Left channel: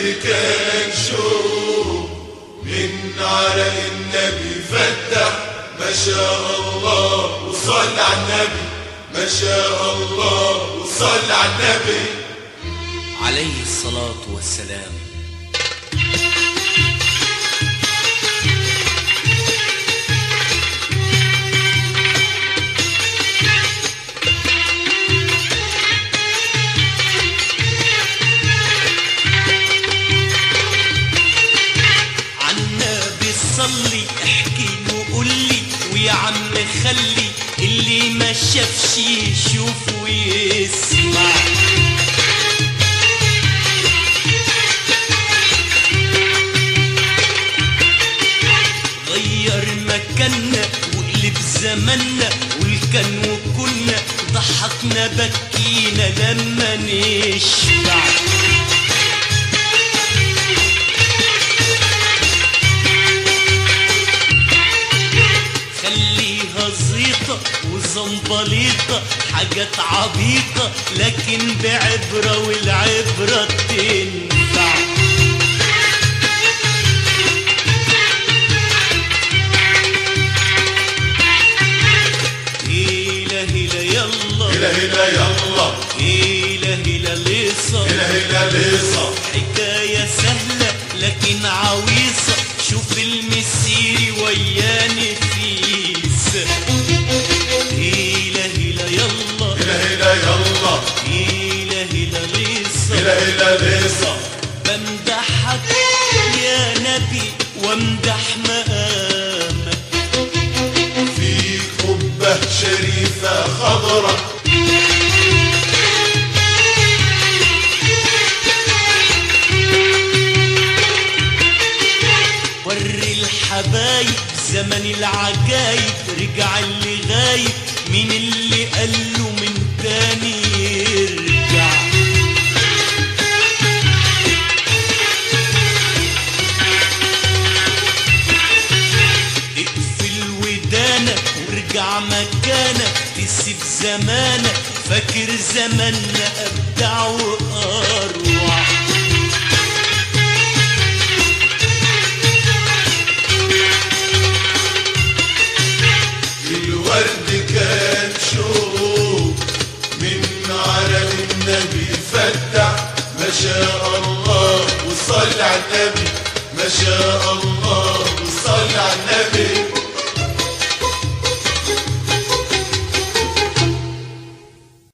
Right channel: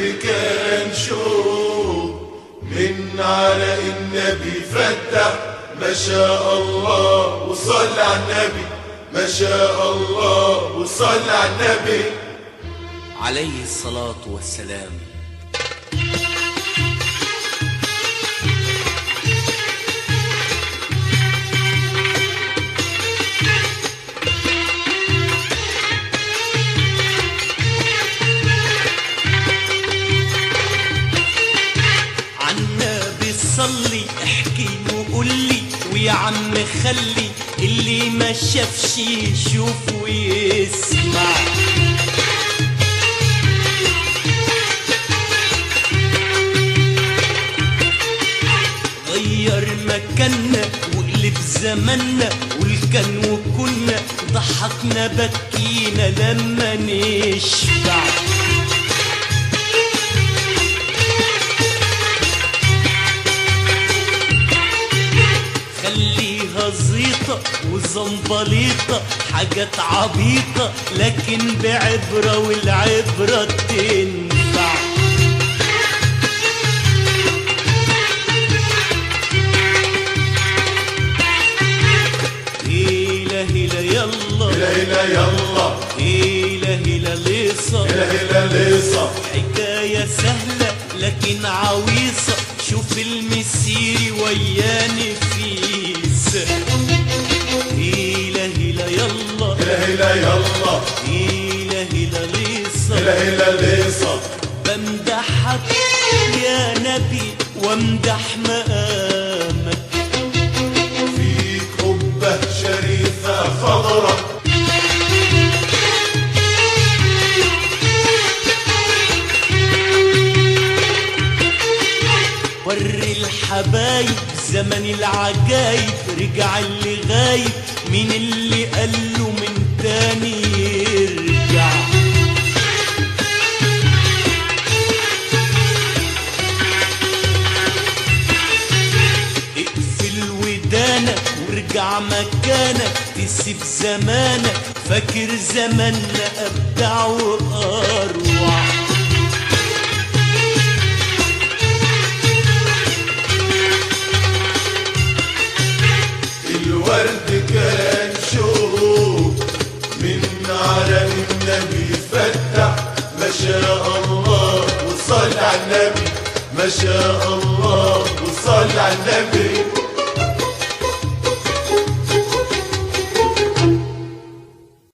الورد كان شوق من عرق النبي فتح. ما شاء الله وصل على النبي، ما شاء الله وصل على النبي عليه الصلاة والسلام. عالنبي صلي احكي وقولي، ويا عم خلي اللي ما شافش يشوف ويسمع. غير مكاننا وقلب زماننا، والكان وكنا ضحكنا بكينا لما نشبع. خليها زيطة وزنبليطة حاجات عبيطة لكن بعبرة، والعبرة تنفع. هيلا هيلا يلا، هلا هلا يلا، هيلا هيلا ليصة، هلا هلا ليصة. حكاية سهلة لكن عويصة، شوف المسيري ويا نفيس. هيلا هيلا يلا، هلا هلا يلا، هيلا هيلا ليصة، هلا هلا ليصة. بمدحك يا نبي وامدح مقامك، فيك قبة شريفة خضرة، وري الحبايب زمن العجايب، رجع اللي غايب مين اللي قاله من تاني يرجع. اقفل ودانك وارجع مكانك، تسيب زمانك فاكر زماننا ابدع واروع. الورد كان شوق من عرق النبي فتح. ما شاء الله وصل على النبي، ما شاء الله وصل على النبي.